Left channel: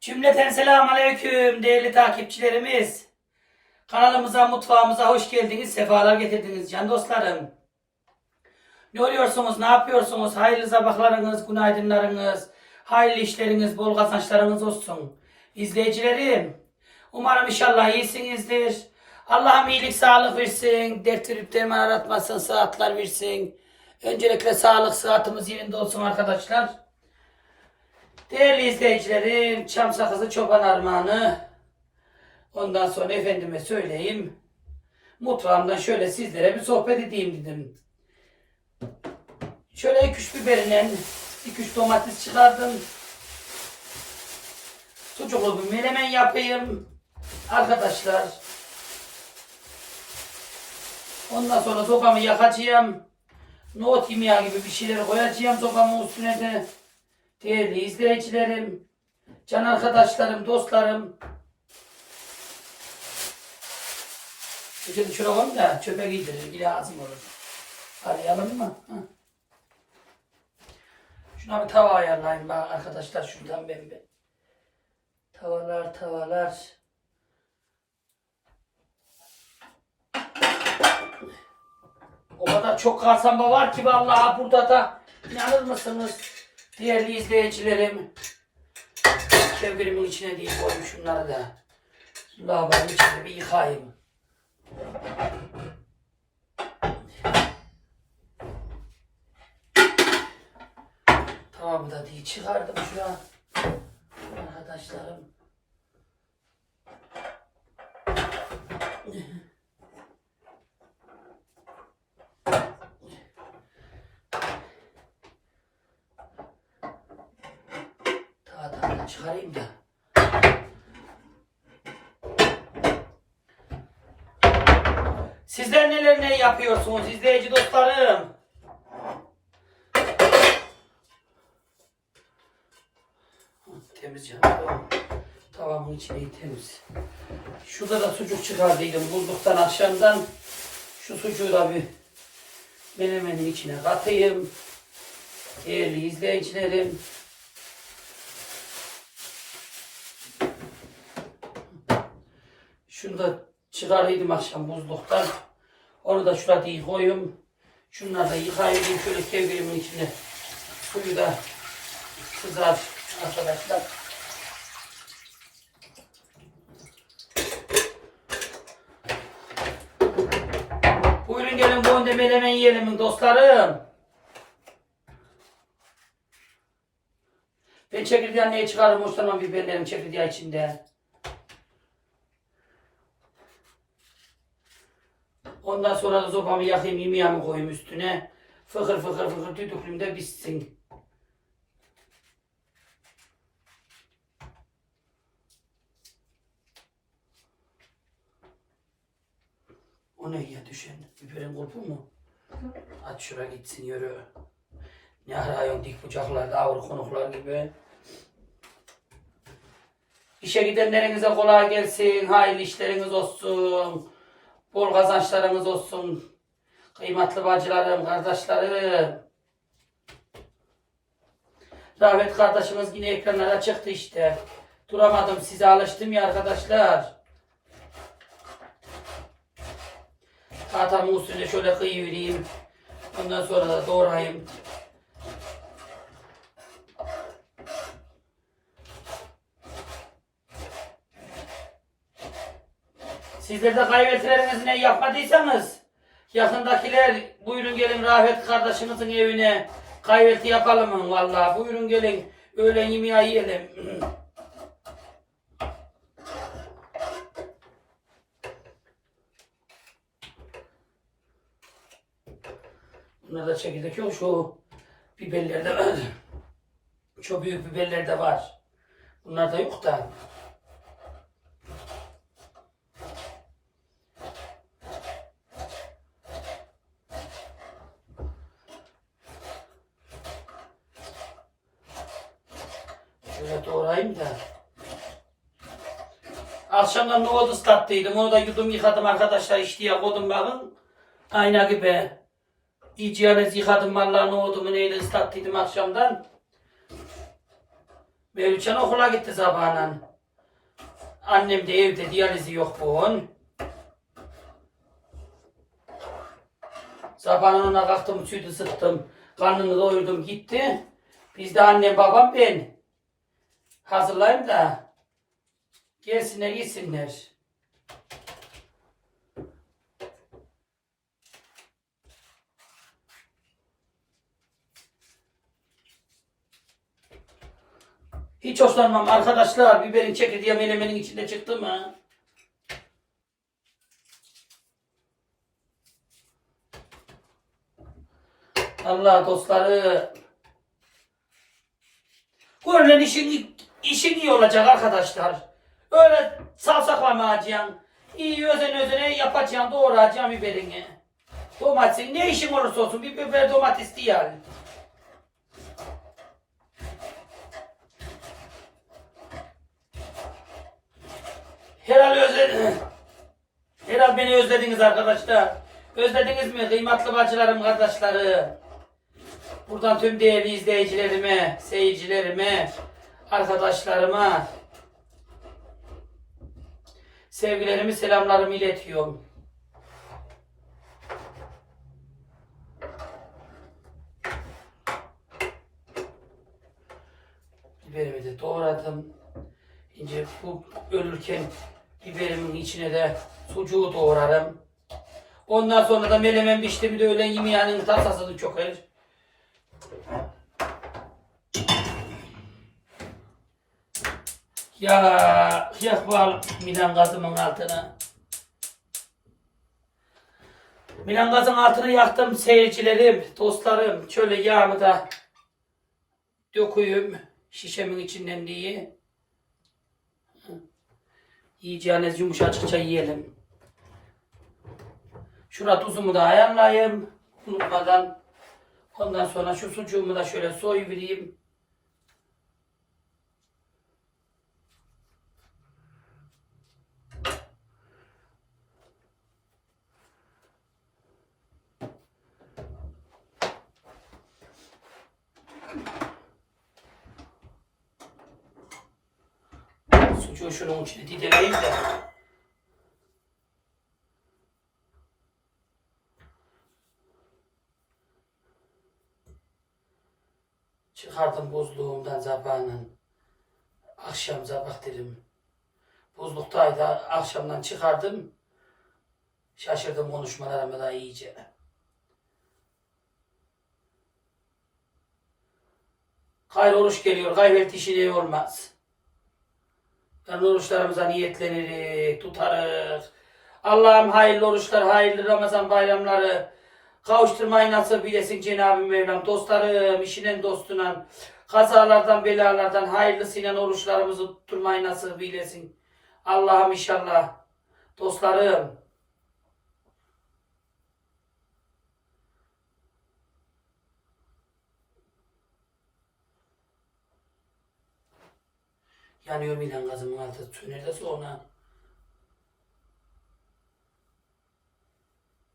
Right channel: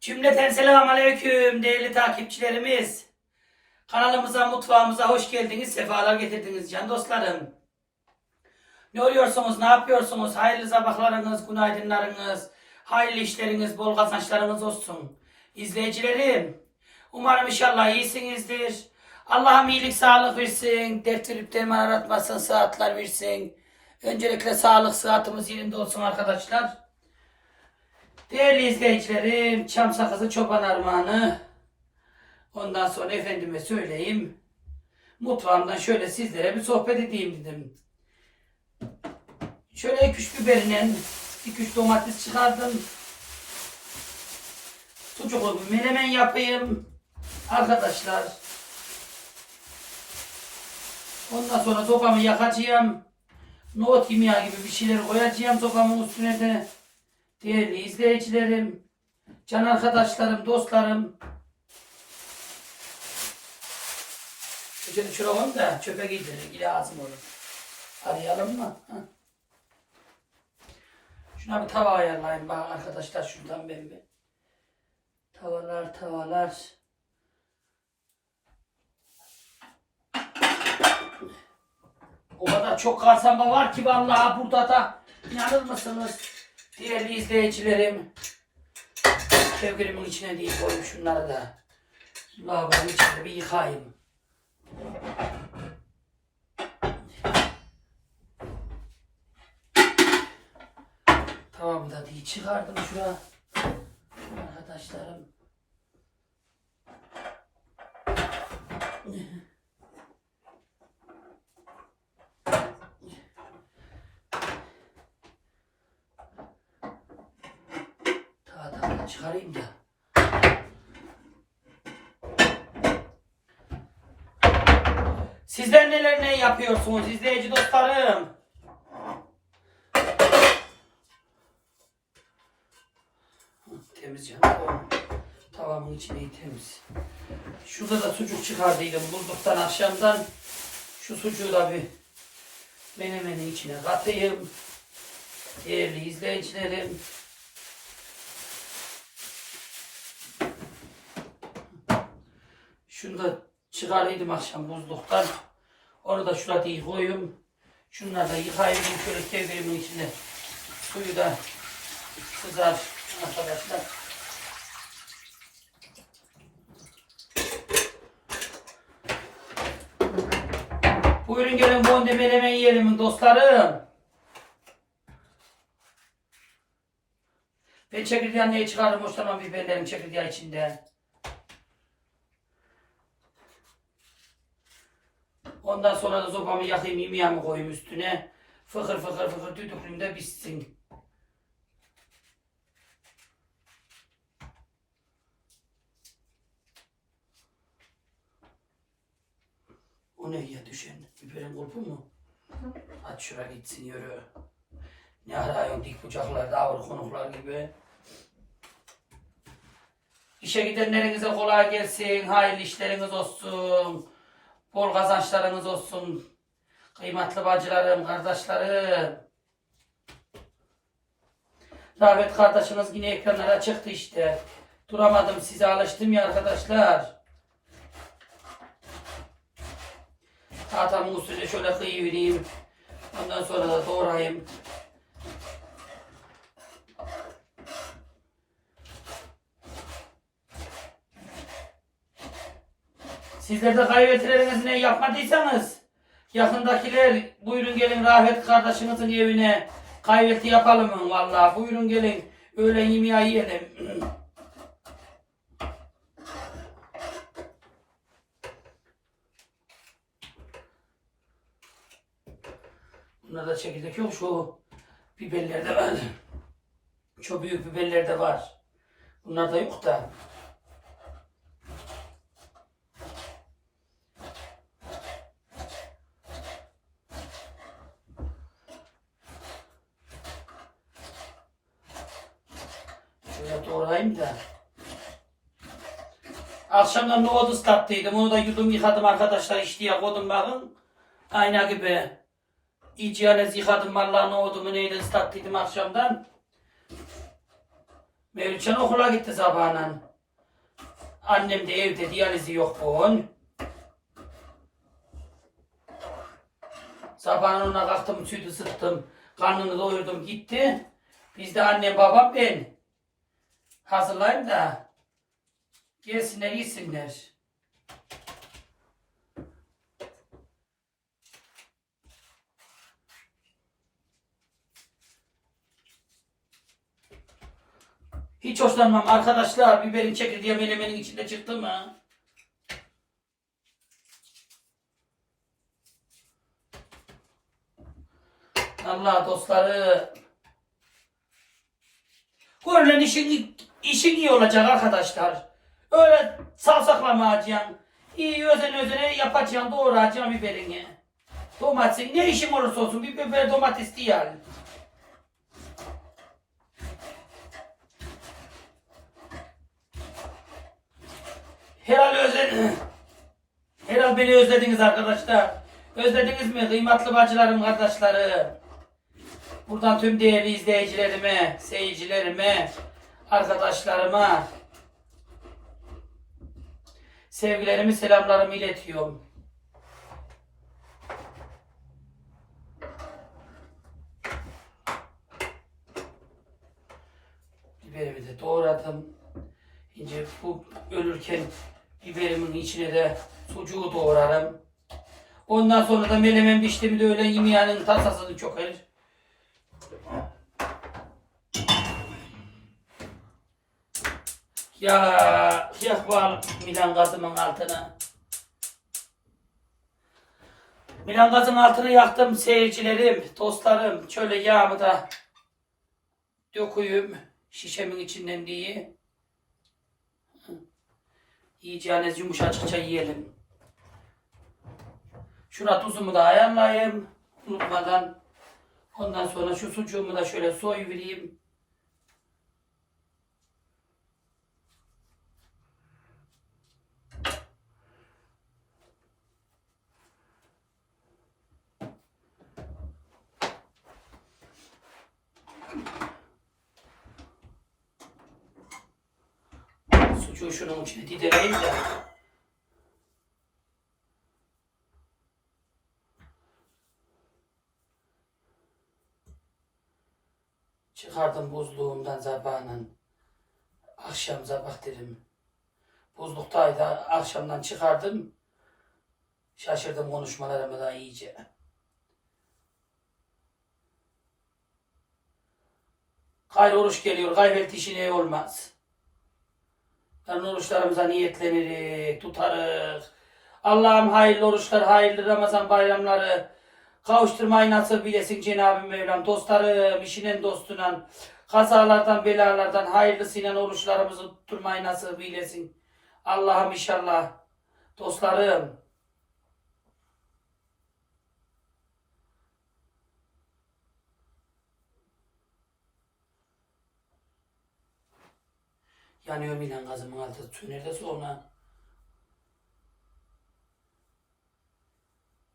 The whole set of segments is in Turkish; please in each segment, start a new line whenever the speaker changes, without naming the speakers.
Cümleten selamun aleyküm değerli takipçilerimiz. Kanalımıza, mutfağımıza hoş geldiniz, sefalar getirdiniz can dostlarım. Ne oluyorsunuz, ne yapıyorsunuz? Hayırlı sabahlarınız, günaydınlarınız, hayırlı işleriniz, bol kazançlarınız olsun. İzleyicilerim, umarım inşallah iyisinizdir. Allah'ım iyilik, sağlık versin, dert verip derman aratmasın, sıhhatler versin. Öncelikle sağlık, sıhhatimiz yerinde olsun arkadaşlar. Değerli izleyicilerim, çam sakızı çoban armağanı. Ondan sonra efendime söyleyeyim. Mutfağımdan şöyle sizlere bir sohbet edeyim dedim. Şöyle iki üç biberinden iki üç domates çıkardım. Sucuklu bir menemen yapayım. Arkadaşlar. Ondan sonra sopamı yakacağım. Nohut yemeği gibi bir şeyler koyacağım sopamın üstüne de. Değerli izleyicilerim, can arkadaşlarım, dostlarım. Şuraya koyayım da çöpe giydirir, yine lazım olur. Arayalım mı? Ha. Şuna bir tava ayarlayayım bak arkadaşlar şuradan ben bir. Tavalar, tavalar. O kadar çok kasamba var ki vallahi burada da inanır mısınız? Değerli izleyicilerim. Kevgirimin içine değil koyayım şunları da. Lavabonun içine bir yıkayayım. Tamam da diye çıkardım şuna. Arkadaşlarım. Daha daha da çıkarayım da. Sizler neler ne yapıyorsunuz izleyici dostlarım? Temiz canım. Tavamın içi iyi temiz. Şurada da sucuk çıkardıydım bulduktan akşamdan. Şu sucuğu da bir menemenin içine katayım. Değerli izleyicilerim. Şunu da çıkaraydım akşam buzluktan. Onu da şurada iyi koyayım. Şunları da yıkayayım şöyle kevgirimin içine. Suyu da kızar arkadaşlar. Buyurun gelin bonde menemen yiyelim dostlarım. Ben çekirdeği niye çıkarım hoşlanmam biberlerim çekirdeği içinde. Ondan sonra da sopamı yakayım, yemeğimi koyayım üstüne. Fıkır fıkır fıkır düdüklüm de bitsin. O ne ya düşen? Biberin kurpu mu? At şuraya gitsin yürü. Ne arıyorsun dik bıçaklar, davul konuklar gibi. İşe gidenlerinize kolay gelsin, hayırlı işleriniz olsun. Bol kazançlarınız olsun. Kıymetli bacılarım, kardeşlerim. Rahmet kardeşimiz yine ekranlara çıktı işte. Duramadım size alıştım ya arkadaşlar. Tahtamın üstüne şöyle kıyıvereyim. Ondan sonra da doğrayayım. Sizler de kaybetlerinizin ne yapmadıysanız yakındakiler buyurun gelin Rahmet kardeşimizin evine kayveti yapalım mı vallahi buyurun gelin öğlen yemeği yiyelim. Bunlarda çekirdek yok şu biberlerde var. Şu büyük biberlerde var. Bunlarda yok da. Doğrayayım da. Akşamdan nohut ıslattıydım. Onu da yudum yıkadım arkadaşlar. İşte koydum bakın. Ayna gibi. İyice yalnız yıkadım vallahi nohudumu neyle ıslattıydım akşamdan. Mevlütçen okula gitti sabahla. Annem de evde diyalizi yok bugün. Sabahın ona kalktım, sütü sıktım, karnını doyurdum gitti. Biz de annem, babam, ben. Hazırlayayım da gelsinler, yesinler. Hiç hoşlanmam arkadaşlar. Biberin çekirdeği menemenin içinde çıktı mı? Allah dostları. Görülen işin, işin iyi olacak arkadaşlar. Öyle savsaklamayacaksın. İyi özen özene yapacaksın, doğrayacaksın biberini. Domatesin ne işin olursa olsun bir biber domates değil yani. Herhal özlediniz. Herhal beni özlediniz arkadaşlar. Özlediniz mi kıymetli bacılarım, kardeşlerim? Buradan tüm değerli izleyicilerime, seyircilerime, arkadaşlarıma sevgilerimi, selamlarımı iletiyorum. Biberimi de doğradım. İnce bu ölürken biberimin içine de sucuğu doğrarım. Ondan sonra da melemen biçtim de öğlen yemeğinin tasasını çoker. Ya yak bal Milan gazımın altına. Milan gazın altını yaktım seyircilerim, dostlarım. Şöyle yağımı da döküyüm şişemin içinden diye. Yiyeceğiniz yumuşacıkça yiyelim. Şuna tuzumu da ayarlayayım. Unutmadan. Ondan sonra şu sucuğumu da şöyle soyuvereyim. Sucuğu şunun içine de. Çıkardım buzluğumdan sabahın. Akşam sabah dedim. Buzluktaydı. Akşamdan çıkardım. Şaşırdım konuşmalarıma da iyice. Gayrı oruç geliyor. Gayret işine olmaz. Yani oruçlarımıza niyetleniriz, tutarız. Allah'ım hayırlı oruçlar, hayırlı Ramazan bayramları kavuşturmayı nasip eylesin Cenab-ı Mevlam. Dostlarım, işinin dostuna, kazalardan, belalardan hayırlısıyla oruçlarımızı tutturmayı nasip eylesin. Allah'ım inşallah. Dostlarım, yanıyor ilan gazımın altı. Söner sonra.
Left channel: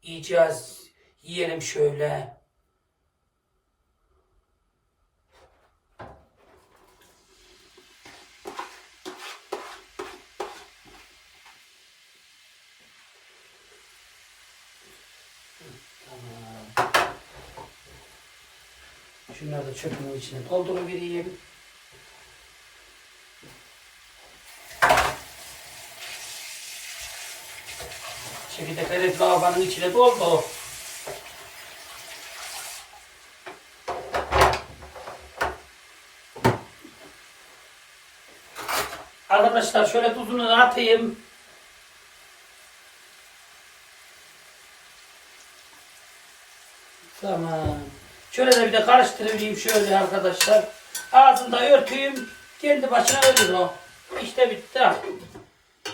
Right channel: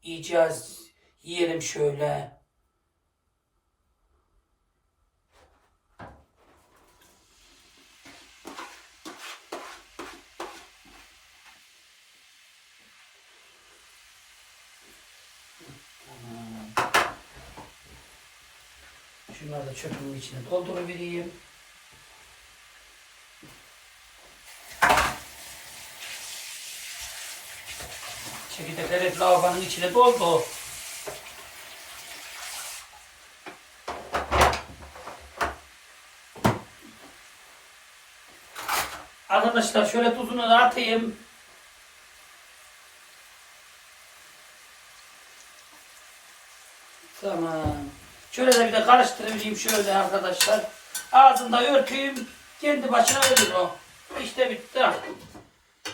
Yiyeceğiz. Yiyelim şöyle. Şunları da çöpümün içine dolduruvereyim. Çekirdekler hep lavabanın içine doldu. Arkadaşlar şöyle tuzunu da atayım. Tamam. Şöyle de bir de karıştırayım şöyle arkadaşlar. Ağzında örtüyüm. Kendi başına ölür o. İşte bitti.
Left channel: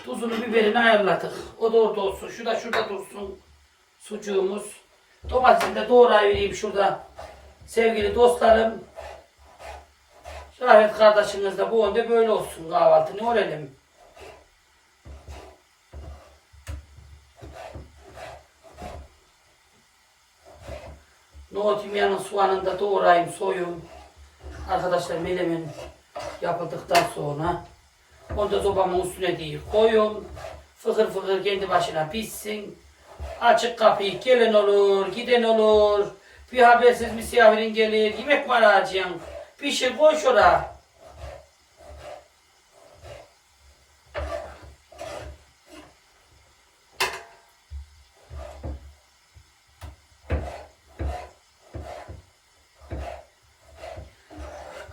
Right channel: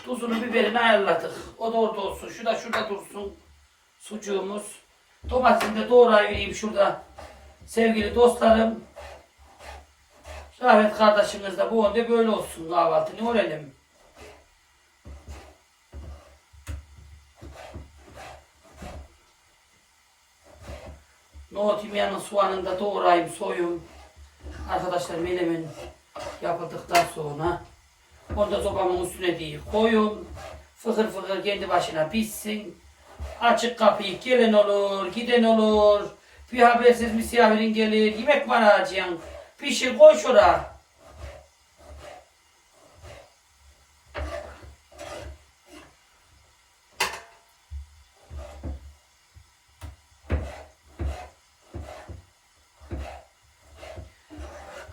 Tuzunu biberini ayarladık. O da orada olsun. Şu da şurada dursun. Sucuğumuz. Domatesini de doğrayıvereyim şurada. Sevgili dostlarım. Rahmet kardeşiniz de bu önde böyle olsun kahvaltı. Ne olalım? Nohut yemeğinin soğanını da doğrayayım, soyun. Arkadaşlar melemen Yapıldıktan sonra onu da sobamın üstüne değil koyun. Fıkır fıkır kendi başına pişsin. Açık kapıyı gelen olur, giden olur. Bir habersiz misafirin gelir, yemek mi arayacaksın? Bir şey koy şuraya.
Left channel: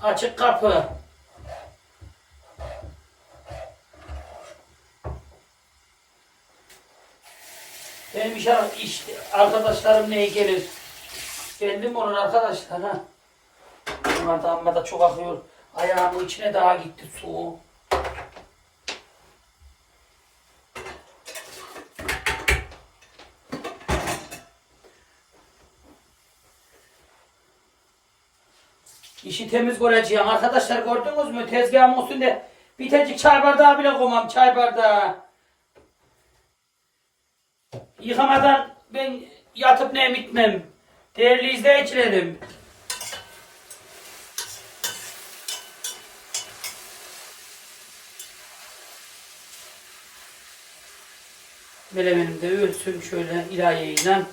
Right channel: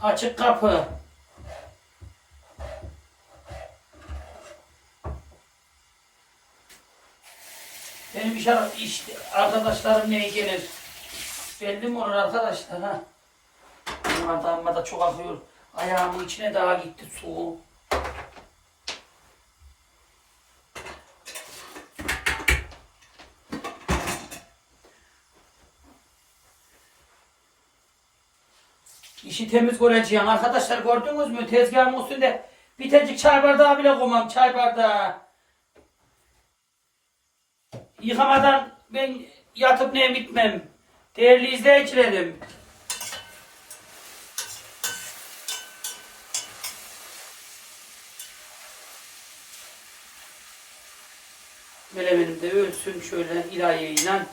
Açık kapı. Benim iş, iş arkadaşlarım neye gelir? Belli mi olur arkadaşlar ha? Benim adamıma da çok akıyor. Ayağımın içine daha gitti su. İşi temiz göreceğim. Arkadaşlar gördünüz mü? Tezgahın üstünde bir tecik çay bardağı bile koymam. Çay bardağı. Yıkamadan ben yatıp ne bitmem. Değerli izleyicilerim. Melemenim de ölsün şöyle ilahiyle.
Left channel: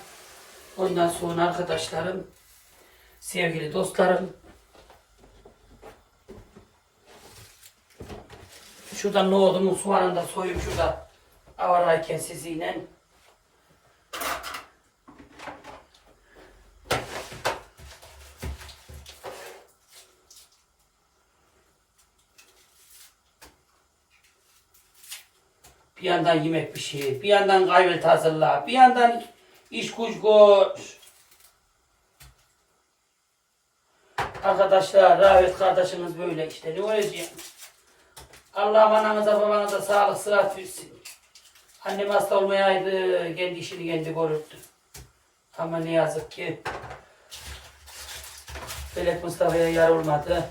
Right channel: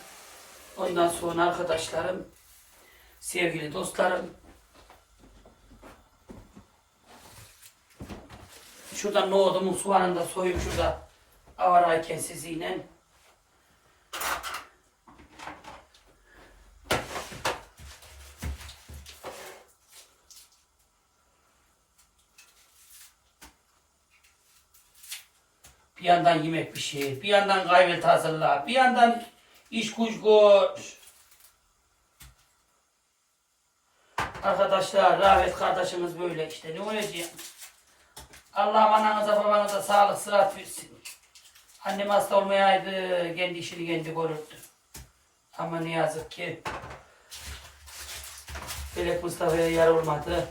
Ondan sonra arkadaşlarım, sevgili dostlarım, Şuradan nohudumun soğanını da soyup şurada avarayken sizinle. Bir yandan yemek pişir, bir yandan kahvaltı hazırla, bir yandan iş güç koş. Arkadaşlar, Rahmet kardeşiniz böyle işte. Ne olacak? Allah'ım ananıza babanıza sağlık sıhhat versin. Annem hasta olmayaydı, kendi işini kendi görürdü. Ama ne yazık ki Felek Mustafa'ya yar olmadı.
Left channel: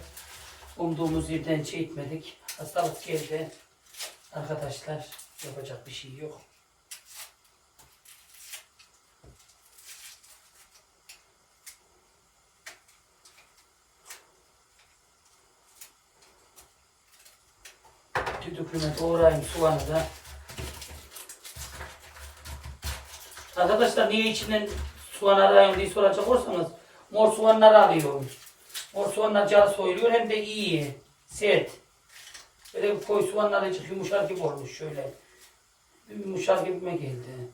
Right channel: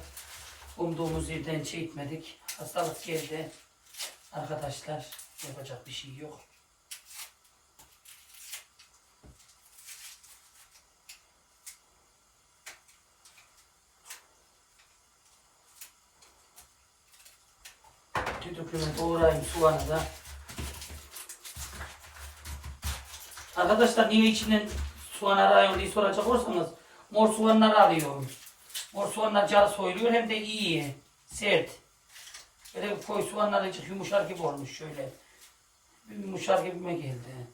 Umduğumuz yerden etmedik. Hastalık geldi. Arkadaşlar yapacak bir şey yok. Düdüklüme doğrayayım soğanı da. Arkadaşlar niye içinden soğan arıyorum diye soracak olursanız mor soğanları arıyorum. Mor soğanlar canı soyuluyor hem de iyi, sert. Böyle koy soğanlar azıcık yumuşar gibi olmuş şöyle. Yumuşar gibi mi geldi?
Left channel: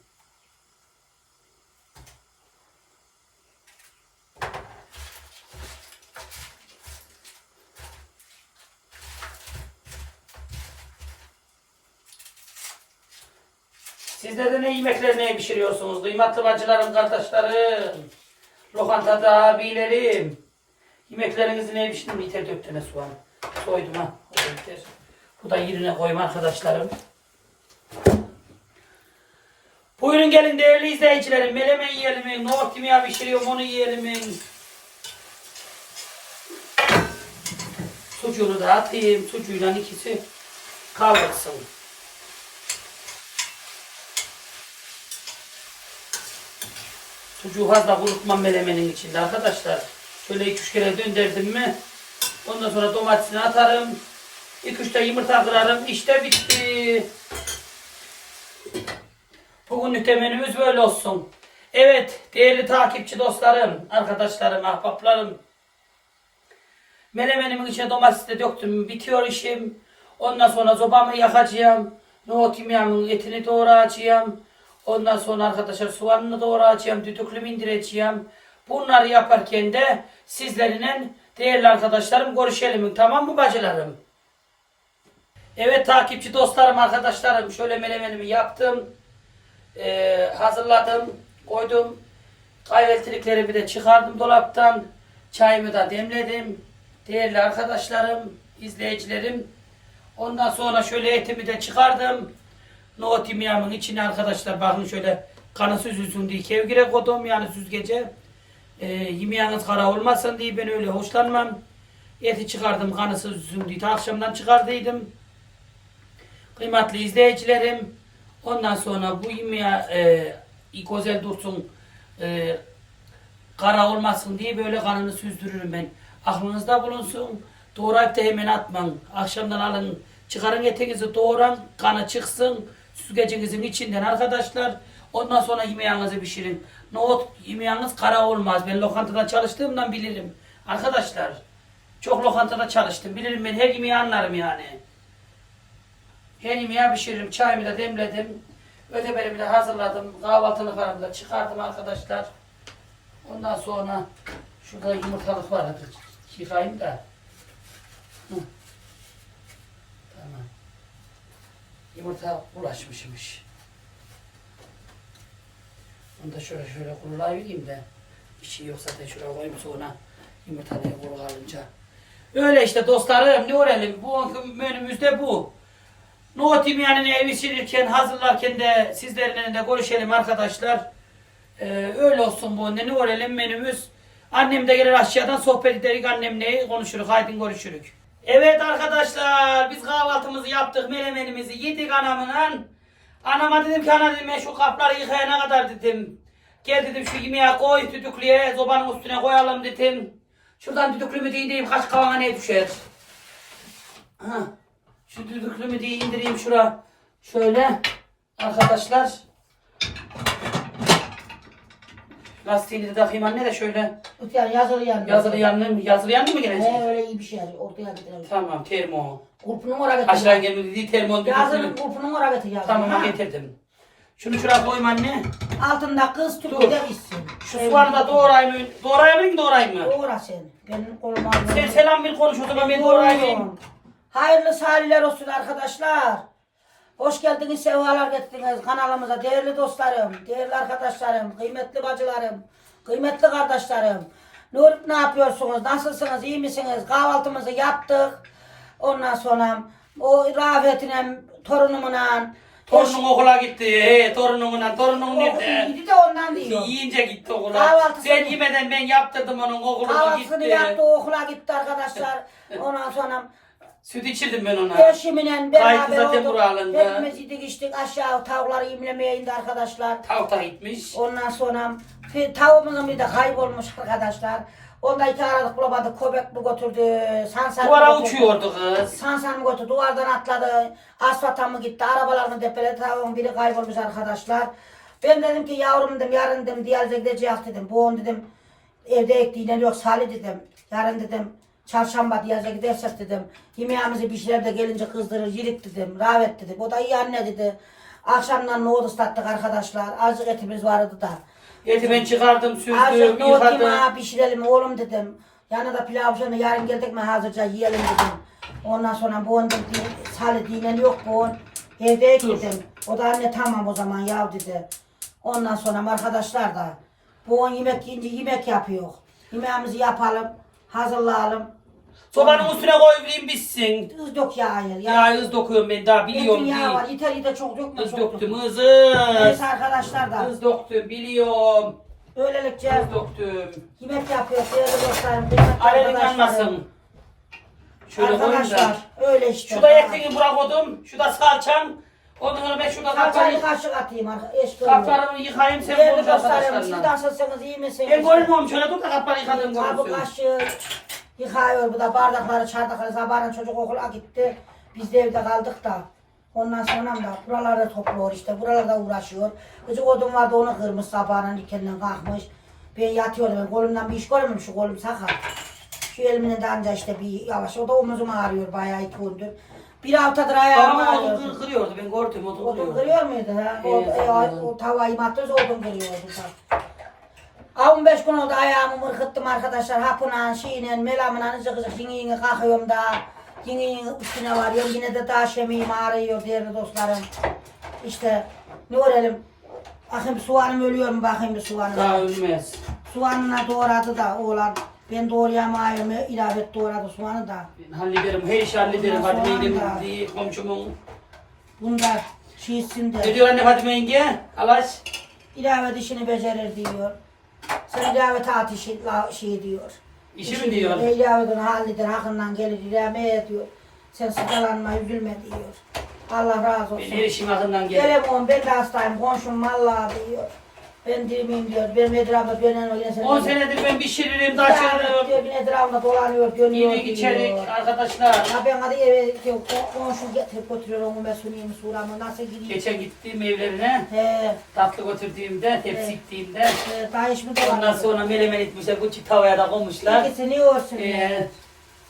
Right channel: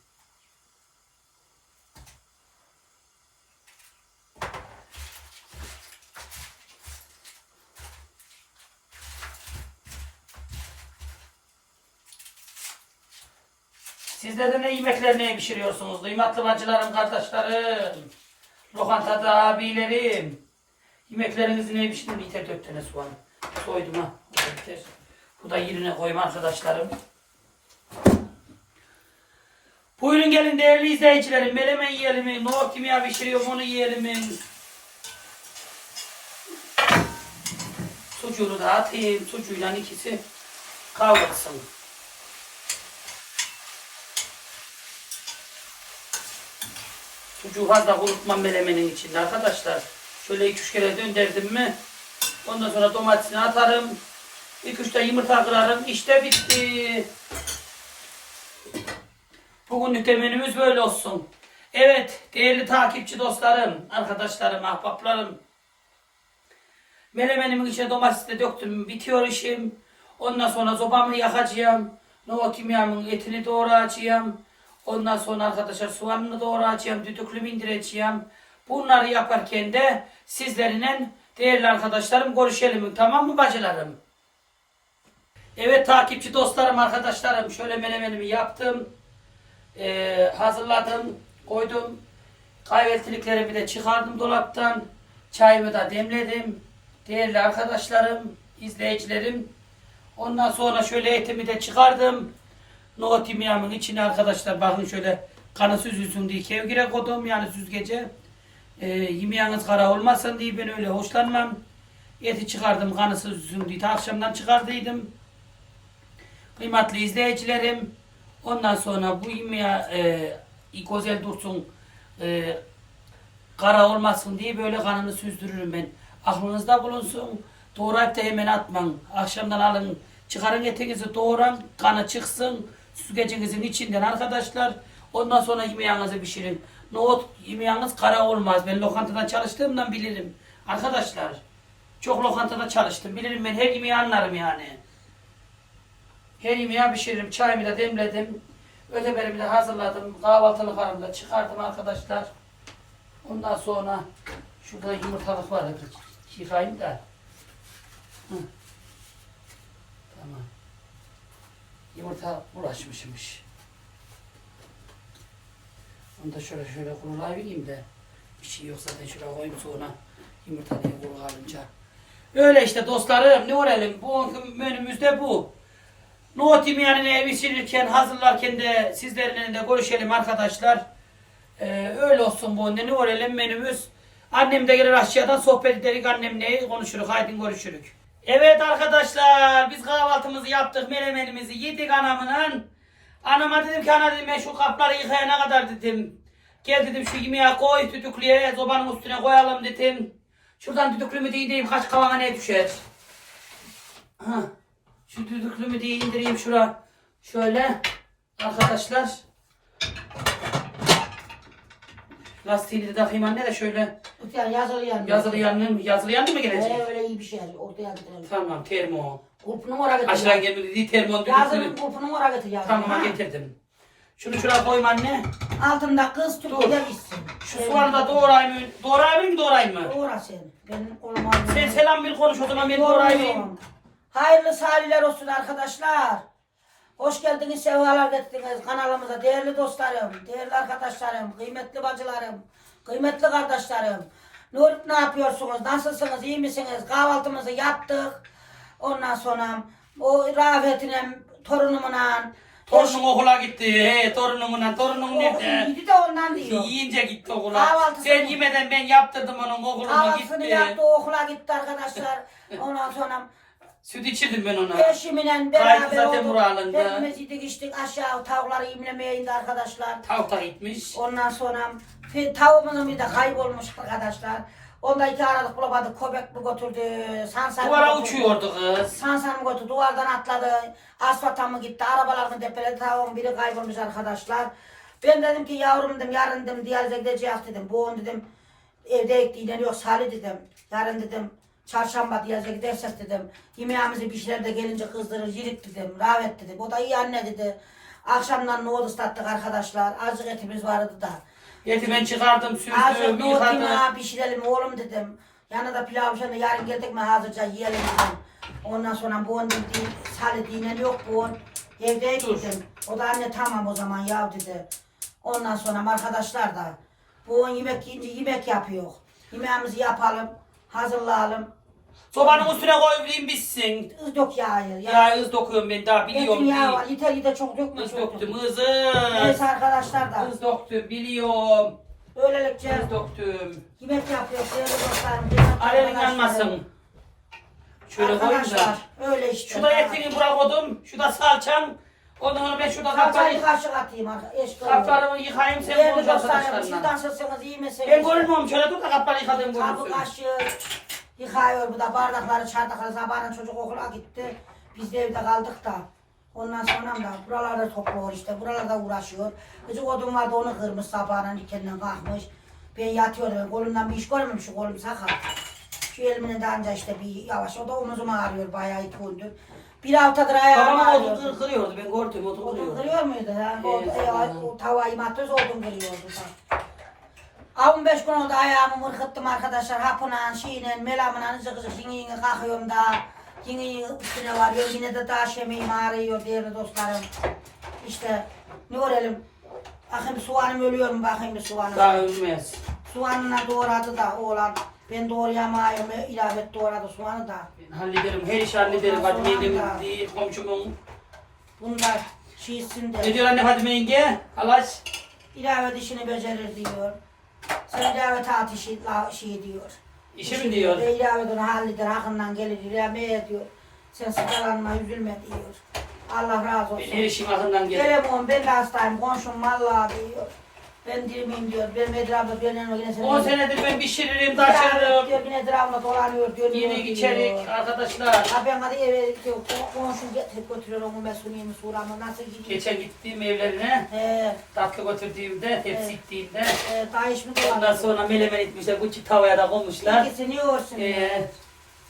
Sizler de ne yemekler ne pişiriyorsunuz? Kıymetli bacılarım, kardeşlerim, lokantada abilerim. Yemeklerinizi ne pişirdin? Yeter dört tane soğan. Soydum ha. Yeter. Bu da yerine koyma arkadaşlarım. Buyurun gelin değerli izleyicilerim. Melemen yiyelim mi? Nohut kimya pişiriyorum onu yiyelim mi? Sucuğunu da atayım. Sucuğuyla ikisi kavrulsun. Sucuğu fazla kurutmam melemenin içinde arkadaşlar. Şöyle iki üç kere döndürdüm mi ondan sonra domatesini atarım. İki üç de yumurta kırarım. İşte bitti. Bugünlük de menümüz böyle olsun. Evet değerli takipçi dostlarım, arkadaşlarım, ahbaplarım. Menemenimin içine domates de döktüm. Bitiyor işim. Ondan sonra zobamı yakacağım. Nohut yemeğimin etini doğrayacağım. Ondan sonra arkadaşlar soğanını doğrayacağım. Düdüklümü indireceğim. Bunları yaparken de sizlerle değerli arkadaşlarım görüşelim. Tamam mı bacılarım? Evet takipçi dostlarım, arkadaşlarım. Şöyle menemenimi yaptım. Ee, hazırladım. Koydum. Kahvaltılıklarımı da çıkardım dolaptan. Çayımı da demledim. Değerli arkadaşlarım, izleyicilerim. Ondan sonra şöyle etimi de çıkardım. Nohut yemeğimin içine arkadaşlar bakın şöyle kanı süzülsün diye kevgire koydum yani süzgece. Ee, yemeğiniz kara olmasın diye ben öyle hoşlanmam. Eti çıkardım kanı süzülsün diye. Ta akşamdan çıkardıydım. Kıymetli izleyicilerim. Ondan sonra bu yemeğe e, güzel dursun e, kara olmasın diye böyle kanını süzdürürüm ben. Aklınızda bulunsun. Doğrayıp da hemen atman. Akşamdan alın. Çıkarın etinizi doğran. Kanı çıksın. Süzgecinizin içinden arkadaşlar. Ondan sonra yemeğinizi pişirin. Nohut yemeğiniz kara olmaz. Ben lokantadan çalıştığımdan bilirim. Arkadaşlar. Çok lokantada çalıştım. Bilirim ben her yemeği anlarım yani. Her yemeği pişiririm. Çayımı da demledim. Öteberimi de hazırladım. Kahvaltılıklarımı da çıkardım arkadaşlar. Ondan sonra şurada yumurtalık var. Yıkayayım da. Hı. Tamam. Yumurta bulaşmışmış. Onu da şöyle şöyle kurulayayım da. Bir şey yoksa da şuraya koyayım sonra yumurtayı kuru alınca. Öyle işte dostlarım ne olalım. Bu menümüzde bu. Nohut yemeğini evi silirken hazırlarken de sizlerle de görüşelim arkadaşlar. Ee, öyle olsun bu. Ne olalım menümüz. Annem de gelir aşağıdan sohbet ederiz annemle konuşuruz. Haydi görüşürük. Evet arkadaşlar biz kahvaltımızı yaptık. Melemenimizi yedik anamla. Anama dedim ki ana dedim şu kapları yıkayana kadar dedim. Gel dedim şu yemeğe koy düdüklüye zobanın üstüne koyalım dedim. Şuradan düdüklümü de indireyim kaç kavana ne düşer. Ha. Şu düdüklümü de indireyim şura. Şöyle. Arkadaşlar. Lastiğini de takayım anne de şöyle.
Yani yazılı yandı.
Yazılı yanlı mı? Yazılı yanlı mı gelecek?
Ee, öyle iyi bir şey yani. Ortaya gidelim.
Tamam termo.
Kurpu numara getir.
Aşağı gelmedi dediği termo
Yazılı
düdüklü.
kurpu numara getir yazılı.
Tamam
ha.
getirdim. Şunu şuraya koyayım anne.
Altında kız
Dur.
tüpü de bitsin.
Şu soğanı da doğrayayım mı? Doğrayayım mı doğrayayım mı?
Doğra sen. Benim koluma
Sen selam bir konuş o zaman ben doğrayayım.
Hayırlı saliler olsun arkadaşlar. Hoş geldiniz, sefalar getirdiniz kanalımıza. Değerli dostlarım, değerli arkadaşlarım, kıymetli bacılarım, kıymetli kardeşlerim. Olup ne yapıyorsunuz? Nasılsınız? iyi misiniz? Kahvaltımızı yaptık. Ondan sonra o Rafet'ine, torunumla
Torunum okula gitti. He torunumun torunum nerede?
Gidi de ondan diyor.
Yiyince gitti okula.
Kahvaltısını-
Sen yemeden ben yaptırdım onun okulunu
Kahvaltısını
gitti.
yaptı, okula gitti arkadaşlar. Ondan sonra
Süt içirdim ben ona.
eşimle
Kaydı
beraber
zaten
olduk.
buralında.
Hepimiz yedik içtik aşağı tavukları yemlemeye indi arkadaşlar.
Tavta gitmiş.
Ondan sonra tavuğumuzun bir de kaybolmuş arkadaşlar. Onda iki aradık bulamadık. Köpek mi götürdü? Sansan
Duvara
götürdü?
uçuyordu kız.
Sansan mı götürdü? Duvardan atladı. Asfalta mı gitti? Arabalarını depeledi. Tavuğun biri kaybolmuş arkadaşlar. Ben dedim ki yavrum dedim yarın dedim diyalize gideceğiz dedim. Bu on dedim evde ektiğine yok Salih dedim. Yarın dedim çarşamba diyalize gidersek dedim. Yemeğimizi pişirer de gelince kızdırır yirik dedim. Ravet dedik. O da iyi anne dedi. Akşamdan nohut ıslattık arkadaşlar. Azıcık etimiz vardı da.
Eti ben çıkardım,
Azıcık
süzdüm,
nohut
yıkadım.
yemeği pişirelim oğlum dedim. Yanına pilav şöyle yarın geldik mi hazırca yiyelim dedim. Ondan sonra bu on dedi, Salih dinen yok bu on. Evde
Dur.
dedim. O da anne tamam o zaman yav dedi. Ondan sonra arkadaşlar da bu on yemek yiyince yemek yapıyor. Yemeğimizi yapalım, hazırlayalım.
Sobanın üstüne koyayım bitsin.
Kız dök yağı. Ya,
Ya hız dokuyorum ben daha biliyorum
Etin yağı var.
değil.
Yeter yeter çok dökme
Hız
çok
döktüm hızı.
Neyse arkadaşlar da
Hız döktüm biliyorum.
böylelikle
Hız döktüm.
yemek yapıyor değerli dostlarım. kıymetli arkadaşlarım.
yanmasın. Şöyle koyayım da.
Arkadaşlar öyle işte.
Şurada etini bırakalım. Şurada salçam. Ondan sonra ben şurada
Kapları
kapları,
kaşık atayım arkadaşlar.
Yıkayayım sen
Değerli
konuş
dostlarım siz
arkadaşlarla.
nasılsınız iyi misiniz?
Ben görmüyorum şöyle dur da kapları yıkadığım
Kabı
görünsün.
kaşığı yıkıyor bu da bardakları çardakları sabahın çocuk okula gitti. Biz de evde kaldık da. Ondan sonra da buraları topluyor işte buralarda uğraşıyor. Küçük odun vardı onu kırmış sabahın ikenden kalkmış. Ben yatıyorum ben kolumdan bir iş görmüyorum şu kolum sakat. Şu elimine de anca işte bir yavaş o da omuzum ağrıyor bayağı iki gündür. Bir haftadır ayağım
Babam
ağrıyor.
odun kır, kırıyordu ben gördüm odun
Odun
kırıyordu.
kırıyor muydu ha? O,
Evet,
e,
tamam.
o tavayı matöz odun kırıyordu da. 15 gün oldu ayağımı mırkıttım arkadaşlar. Hapınan, şeyle, melamla ızık ızık yine yine kalkıyorum da. Yine yine üstüne varıyorum. Yine de taş yemeğim ağrıyor değerli dostlarım. İşte ne görelim. Bakayım soğanım ölüyor mu bakayım bir soğanım.
Daha ölmez.
Soğanına doğradı da oğlan. Ben doğrayamayım. ilave et doğradı soğanı da.
Ben hallederim. Her işi hallederim.
Ondan sonra
Fadime'nin
da-
değil, komşumun.
Bunda şeysin
Ne
de.
diyor anne Fadime yenge? Alaş.
İlave dişini becerir diyor. Sen taat işi la- şey diyor.
İşi mi diyor?
Diyor halleder hakkından gelir ilave ediyor. Sen sıkılanma üzülme diyor. Allah razı olsun.
işim akından gelir.
Telefon ben de hastayım komşum vallahi diyor. Ben dirmeyeyim diyor. Benim etrafımda ben yine seni.
10 senedir ben pişiririm,
Ya,
taşırdım.
diyor yine etrafımda dolanıyor.
Yedik
gidiyor.
içerik arkadaşlar.
Ya ben hadi eve diyor. O, on şu getirip götürüyor onu ben sunayım suramı. Nasıl gideyim?
Geçen gittim evlerine.
He.
Tatlı götürdüğümde, tepsi
Evet.
ittiğimde.
E, daha iş mi
Ondan sonra melemen etmişler, küçük tavaya da koymuşlar.
İkisini yorsun.
Ee.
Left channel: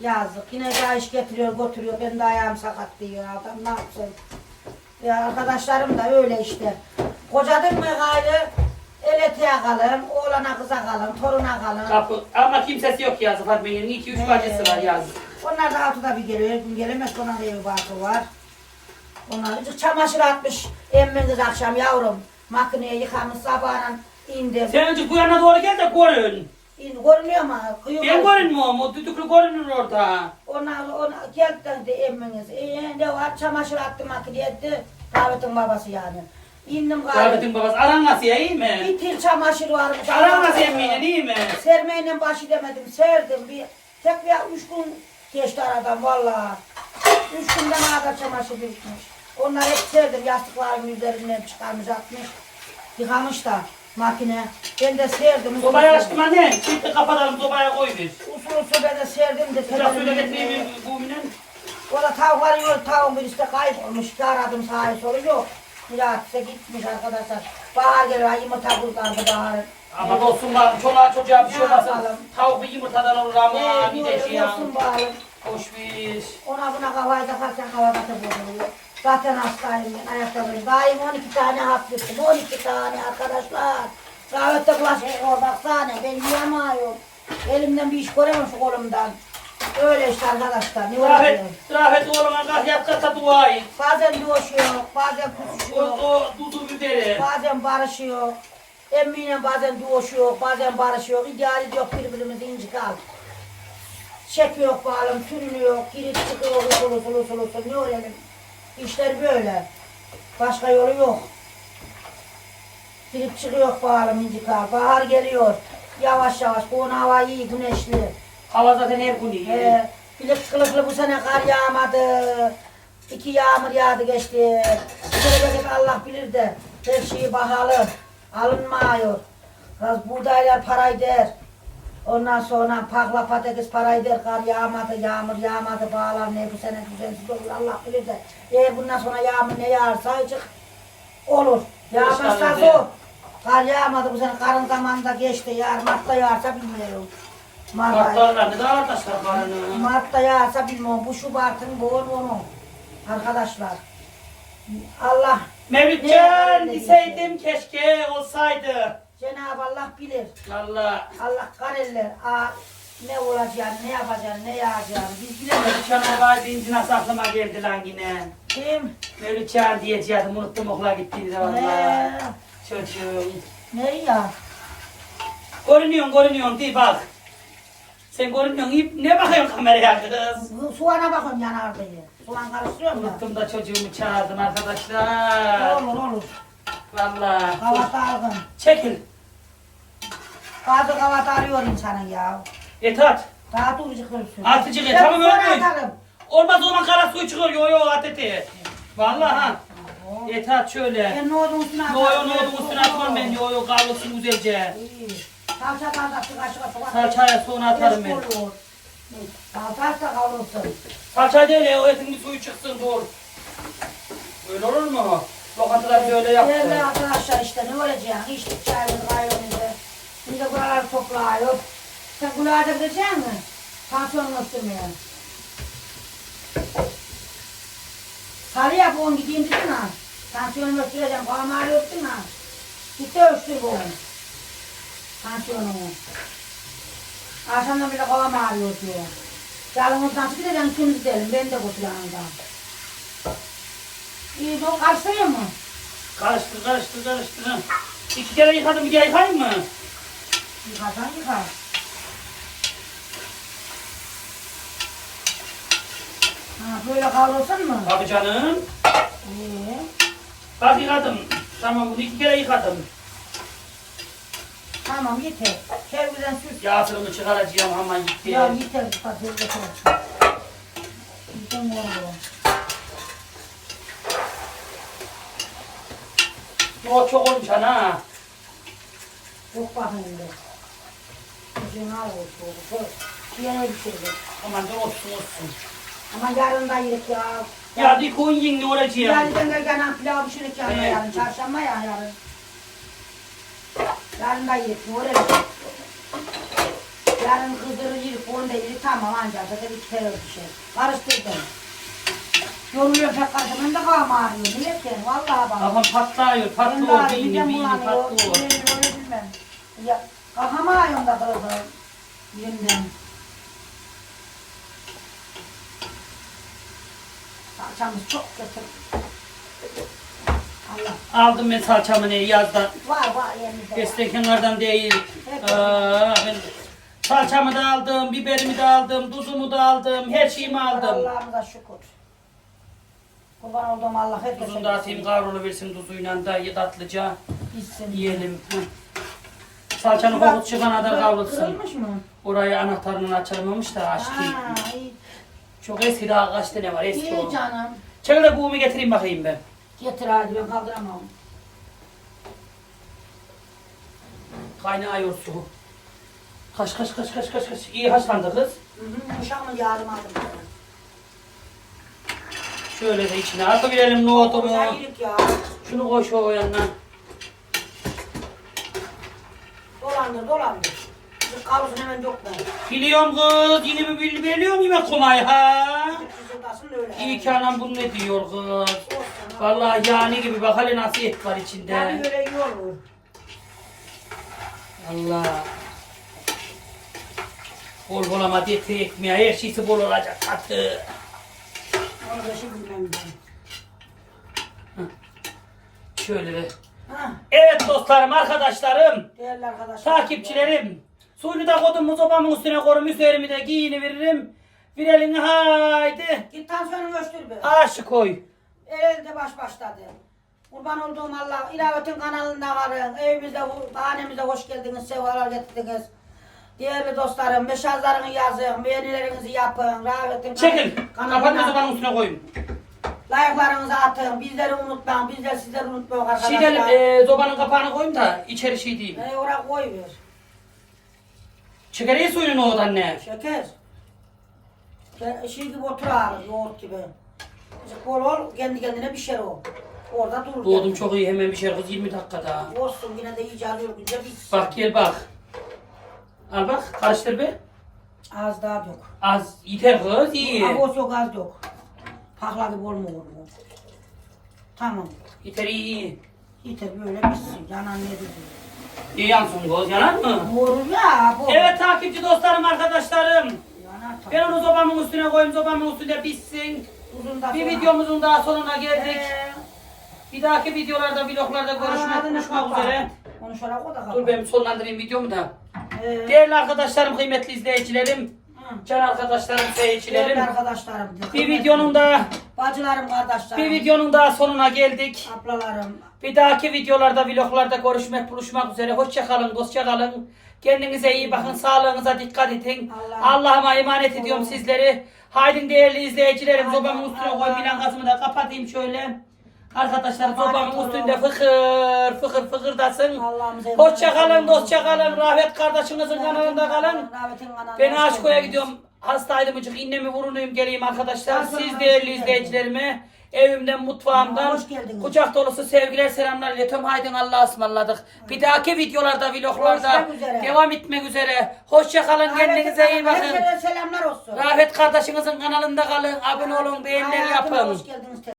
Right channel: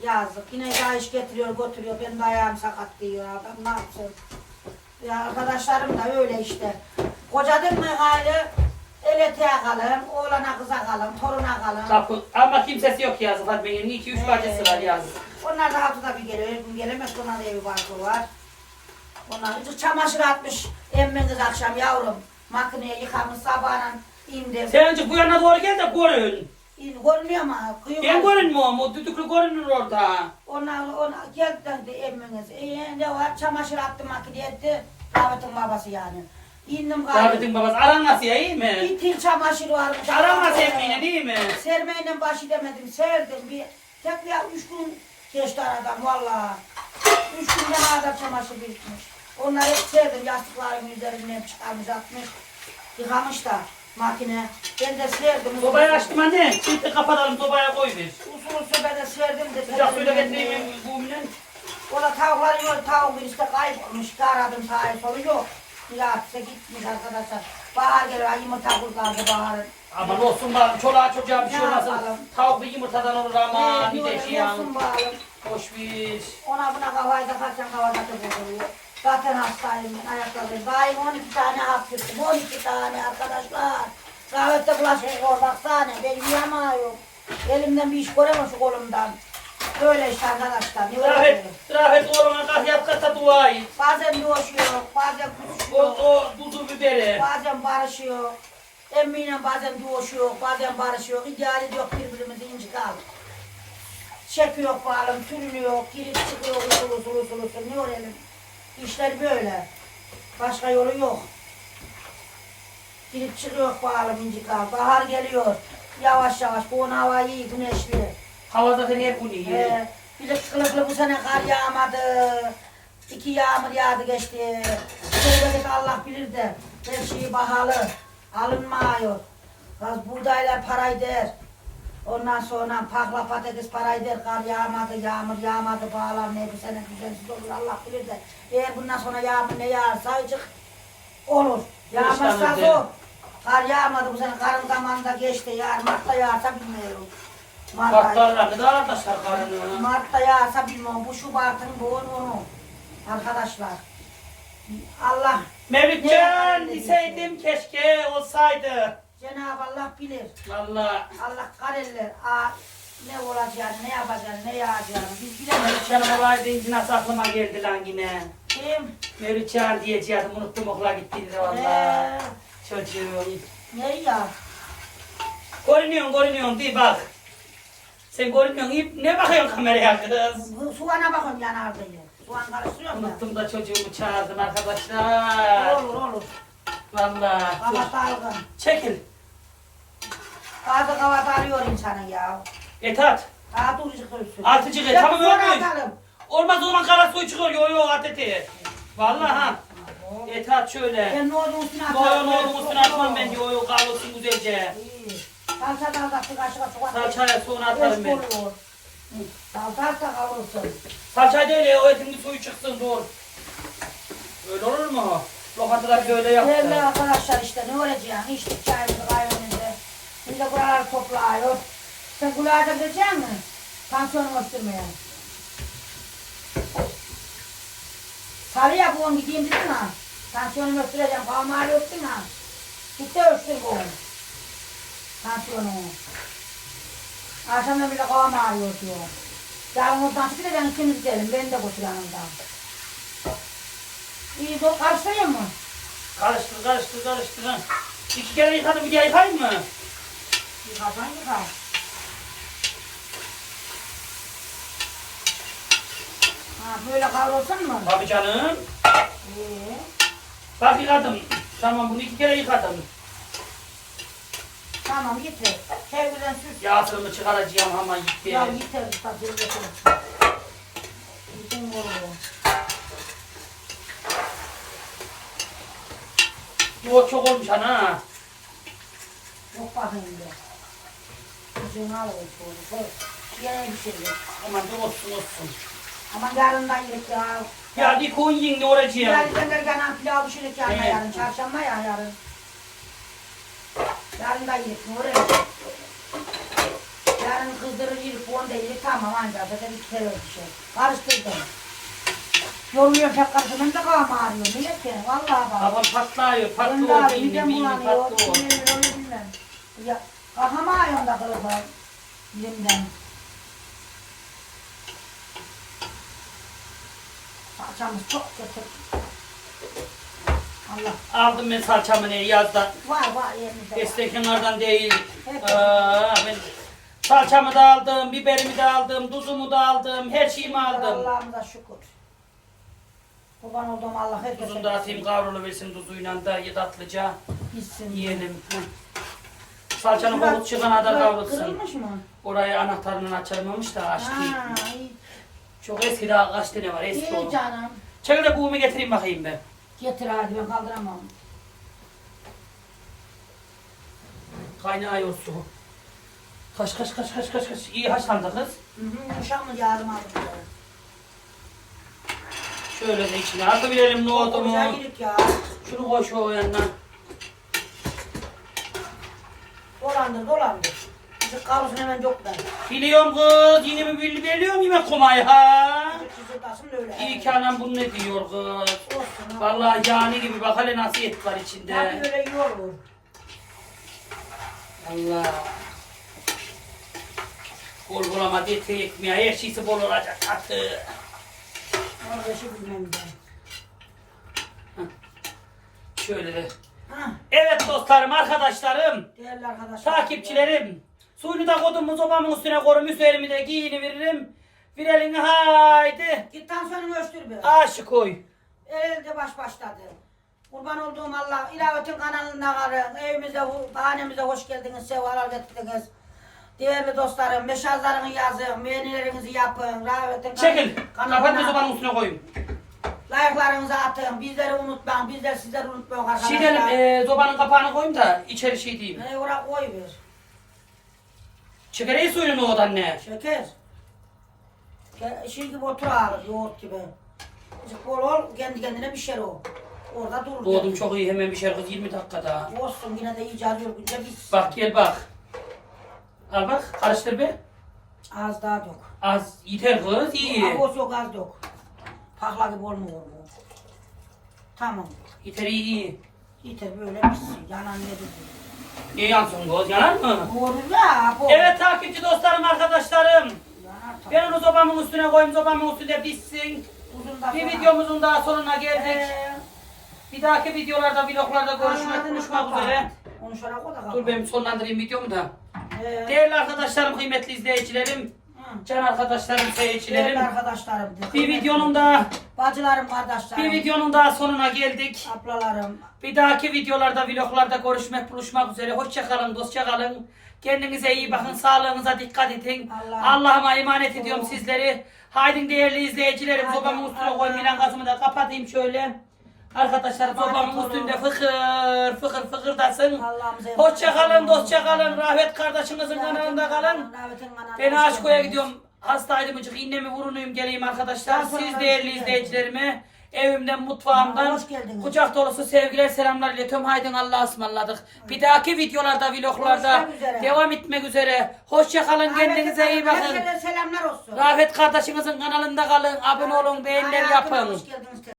Yazık. Yine daha iş getiriyor götürüyor. Ben de ayağım sakat diyor adam. Ne yapsın? Ya arkadaşlarım da öyle işte. Kocadım mı gayrı eteğe kalın, oğlana kıza kalın, toruna kalın.
Kapı. Ama kimsesi yok yazık Fatma Yenge'nin. 2 3 bacısı var yazık.
Onlar da haftada bir geliyor, her gün gelemez. Ona da evi barkı var. Onlar çamaşır atmış emminiz akşam yavrum. Makineye yıkamış sabahla indim.
Sen önce bu yana doğru gel de görün.
İn, görünüyor mu? Kıyım
Ben görünmüyorum, o düdüklü görünür orada.
Onlar ona geldi dedi emminiz. E, ne var? Çamaşır attı makineye etti. Davetin babası yani. İndim gayrı.
Davetin babası. Aran nasıl ya, iyi mi?
Bir til çamaşır varmış.
Aran nasıl emmiyle, iyi mi?
Sermeyle başı demedim, serdim. Bir, tek bir üç gün geçti aradan vallahi. Üç günden kadar çamaşır bitmiş. Onları hep serdim, yastıkların üzerinden çıkarmış atmış. Yıkamış da makine. Ben de serdim.
Sobayı açtım anne. Çiftli kapatalım, sobaya koy bir.
Usul usul ben de serdim de.
Sıcak suyla getireyim bu minin.
Ola tavukları yok, tavuk bir işte kaybolmuş. Aradım sağa solu yok. Miratise gitmiş arkadaşlar. Bahar geliyor, yumurta kurtardı baharın.
Aman olsun bari, çoluğa çocuğa bir şey olmasın. Tavuk bir yumurtadan olur ama bir de şey ya.
yorulsun bari.
Hoş bir.
Ona buna havayı da kaçan havada kızılıyor. Zaten hastayım, ayakkabıyım. İyi 12 tane hap düştüm, 12 tane arkadaşlar. Rahmetli bulaşık baksana, ben yiyemiyorum. Elimden bir iş göremem şu kolumdan. Öyle işte arkadaşlar, ne
Rahmet,
oluyor?
rahmet oğluma kalk yat kata dua et.
Bazen dövüşüyor, bazen
O,
kutuşuyor.
o tuzu biberi.
Bazen barışıyor. Emmiyle bazen dövüşüyor, bazen barışıyor. İdeali yok birbirimizi incik al. Çekiyor bağlam, sürünüyor, girip çıkıyor, usul usul usul usul. Ne öğrenin? İşler böyle. Başka yolu yok. Girip çıkıyor bağlam incik al. Bahar geliyor. Yavaş yavaş. Bu hava iyi, güneşli.
Hava zaten hep bunu iyi.
Ee, kılıklı bu sene kar yağmadı. İki yağmur yağdı geçti. Gelecek Allah bilir de her şey pahalı. Alınmıyor. Az buğdaylar parayı der. Ondan sonra pakla patates parayı der. Kar yağmadı, yağmur yağmadı. Bağlar ne bu sene düzensiz olur Allah bilir de. Eğer bundan sonra yağmur ne yağarsa azıcık olur. Yağmazsa zor. Kar yağmadı bu sene. Karın zamanında geçti. Yağar, Mart'ta yağarsa bilmiyorum. Mart ayı.
Kartlarlar ne da arkadaşlar karnı.
Mart'ta yağsa bilmem bu Şubat'ın bu onu. Arkadaşlar. Allah
Mevlütcan deseydim keşke olsaydı.
Cenab-ı Allah bilir.
Valla.
Allah kareller. Aa, ne olacak, ne yapacak, ne yağacak. Biz bilemeyiz.
Mevlütcan olay deyince nasıl aklıma geldi lan yine.
Kim?
Mevlütcan diyeceğim unuttum okula gittiğini de valla. Çocuğum.
ne ya?
Görünüyorsun görünüyorsun diye bak. Sen görünüyorsun iyi- ne bakıyorsun kameraya kız?
Soğana bakıyorum yanar diye. Soğan karıştırıyorum da.
Unuttum da çocuğumu çağırdım arkadaşlar.
Olur olur.
Valla.
Kavat algın.
Çekil.
Bazı kavat arıyor insanın ya.
Et at.
Daha duracak dursun.
Artıcık et,
Ya
tamam, öyle.
atarım.
Olmaz o zaman kara suyu çıkıyor yo yo at eti. Valla ha. Et at şöyle.
Ben ne oldu üstüne
Yo yo
atarım.
ne oldu üstüne atmam ben yo yo kavrulsun güzelce.
İyi. Salça da atacaksın kaşığa soğan.
Salçaya sonra atarım ben.
Salça da kavrulsun.
Salça değil o etin suyu çıksın dur. Öyle olur mu? Lokantalar böyle
Değerli
yaptı.
arkadaşlar işte ne olacak? İşte çayımız kahvemizi. Şimdi buraları topluyor. Sen kulağa da gidecek misin? Tansiyonun ölçtürmeye. Salıya bugün gideyim dedin ha. Tansiyonumu ölçtüreceğim. Kafamı ağrıyorsun ha. Gitti ölçtür bugün. Tansiyonumu. Akşamdan bile kafam ağrıyor diyor. Yarın çıktı da ben ikimiz gidelim. Ben de daha. İyi, o karşılıyor mu?
Karıştır karıştır karıştır. İki kere yıkadım bir daha yıkayayım mı?
Yıkasan yıkar. Ha böyle kavrulsun mu?
Tabii canım.
İyi.
Bak yıkadım. Tamam bunu iki kere yıkadım.
Tamam yeter. Kerbilen süs.
Yağsırımı çıkaracağım ama gitti.
Ya yeter. Bak yeter. Bütün oluyor.
O çok olmuş ana.
Bakayım bir. Kızın al olsun. Koy. Bir yere bitirdim.
Aman da olsun olsun.
Ama yarın da yedik ya.
Ya bir koyun yiyin ne olacak?
Yani ben de gene pilav pişirik yarın
Evet.
yarın. Çarşamba ya yarın. Yarın da yedik. Ne olacak? Yarın kızdırır yedik. Onu da yedik. Tamam ancak. Zaten bir kere bir şey. Karıştırdım. Yoruluyor pek karıştırdım. da kafam ağrıyor. Millet ki. Vallahi bak.
Kafam patlıyor, patlıyor, beynim
bulanıyor.
patlıyor.
Onu bilmem. Ya kafam ağrıyor da kırıldı. Yerimden. Salçamız çok kötü. Allah.
Aldım ben salçamı ne yazdan.
Var var yerimizde. var.
Destek kenardan değil. Aa, ben salçamı da aldım, biberimi de aldım, tuzumu da aldım, her şeyimi aldım.
Allah'ımıza şükür. Kurban olduğum Allah herkese
Tuzunu da atayım kavrulu versin tuzuyla da tatlıca
gitsin.
yiyelim. Hı. Salçanın kokusu çıkana
Şurası
kavrulsun.
Kırılmış mı?
Orayı anahtarını açılmamış da açtı.
İyi.
Çok eski daha kaç tane var eski o.
İyi canım.
Çekil de buğumu getireyim bakayım ben.
Getir hadi ben kaldıramam.
Kaynağı su. Kaç kaç kaç kaç kaç kaç. İyi haşlandı kız.
Hı hı. Uşak mı yardım aldım.
Şöyle de içine atabilelim nohutumu.
Güzel girik ya.
Şunu koy şu yanına.
Dolandır dolandır. Bir kalsın hemen yok ben.
Biliyorum kız. Yine mi bil- biliyorum yemek komayı ha.
Öyle.
İyi ki anam bunu ne diyor kız.
Olsun.
Vallahi cani gibi bak hele nasıl et var
Yani
içinde.
öyle iyi olur.
Allah. Bol bol ama eti ekmeği her şeysi bol olacak katı.
Orada bilmem ben.
Şöyle de.
Ha,
Evet dostlarım, arkadaşlarım,
değerli arkadaşlar.
takipçilerim. Suyunu da kodum sobamın üstüne korum, üzerimi de giyini veririm. Bir elini haydi.
Git tansiyonunu ölçtür bir.
Aşı koy.
Elde baş başladı. Kurban olduğum Allah, ilavetin kanalında varın. Evimize, hanemize hoş geldiniz, sevalar getirdiniz. Değerli dostlarım, mesajlarını yazın, beğenilerinizi yapın. Rahmetin
Çekil.
kanalına-
Kapatma sobanın üstüne koyun.
Like'larınızı atın, bizleri unutmayın, bizler sizleri unutmayın arkadaşlar.
Şey dedim, e, sobanın kapağını koyayım da içeri şey diyeyim.
Ne oraya koyuyor.
Çekereyi suyunu o anne.
Şeker. Ke- Şey gibi otur ağır, yoğurt gibi. Azıcık Bol ol, kendi kendine pişer o. Orada durur.
Doğdum çok iyi hemen bir şey kız 20 dakikada.
Olsun yine de iyice alıyor.
Bak gel bak. Al bak karıştır be.
Az daha dök.
Az yeter kız iyi.
Avoz yok az dök. Pakla gibi olmuyor bu. Tamam.
Yeter iyi iyi.
Yeter böyle bitsin. Yanan ne dedi?
İyi yansın kız yanar mı?
Doğru ya bu.
Evet takipçi dostlarım arkadaşlarım.
Tabii.
Ben onu sobamın üstüne koyayım sobamın üstünde pişsin.
Uzun da
Bir
sonra-
videomuzun daha sonuna geldik.
Ee,
Bir dahaki videolarda vloglarda görüşmek buluşmak
kapat.
üzere.
Da kapat.
Dur ben sonlandırayım videomu da.
Ee,
Değerli arkadaşlarım, kıymetli izleyicilerim,
hı.
can arkadaşlarım, seyircilerim.
arkadaşlarım.
Bir videonun da
Bacılarım, kardeşlerim.
bir videonun daha sonuna geldik.
Ablalarım.
Bir dahaki videolarda, vloglarda görüşmek, buluşmak üzere. Hoşça kalın, dostça kalın. Kendinize iyi bakın, sağlığınıza dikkat edin.
Allah-
Allah'ıma emanet ediyorum sizleri. Haydi değerli izleyicilerim,
Haydi
sobamın üstüne koyayım, milan gazımı da kapatayım şöyle. Arkadaşlar
olun.
üstünde fıkır fıkır fıkırdasın. Hoşça kalın, dostça kalın. Rahmet kardeşinizin kanalında kalın. Ben Aşko'ya gidiyorum. Hastaydım mıcık innemi vurunuyum geleyim arkadaşlar. Siz değerli izleyicilerime evimden mutfağımdan
Hoş geldiniz.
kucak dolusu sevgiler selamlar iletiyorum. Haydi Allah'a ısmarladık. Bir dahaki videolarda vloglarda
Görüşmek üzere.
devam etmek üzere. Hoşça kalın kendinize iyi bakın.
Hepsine selamlar olsun.
Rahmet kardeşinizin kanalında kalın. Abone olun beğeniler
Hayatıma
yapın.
Hoş geldiniz.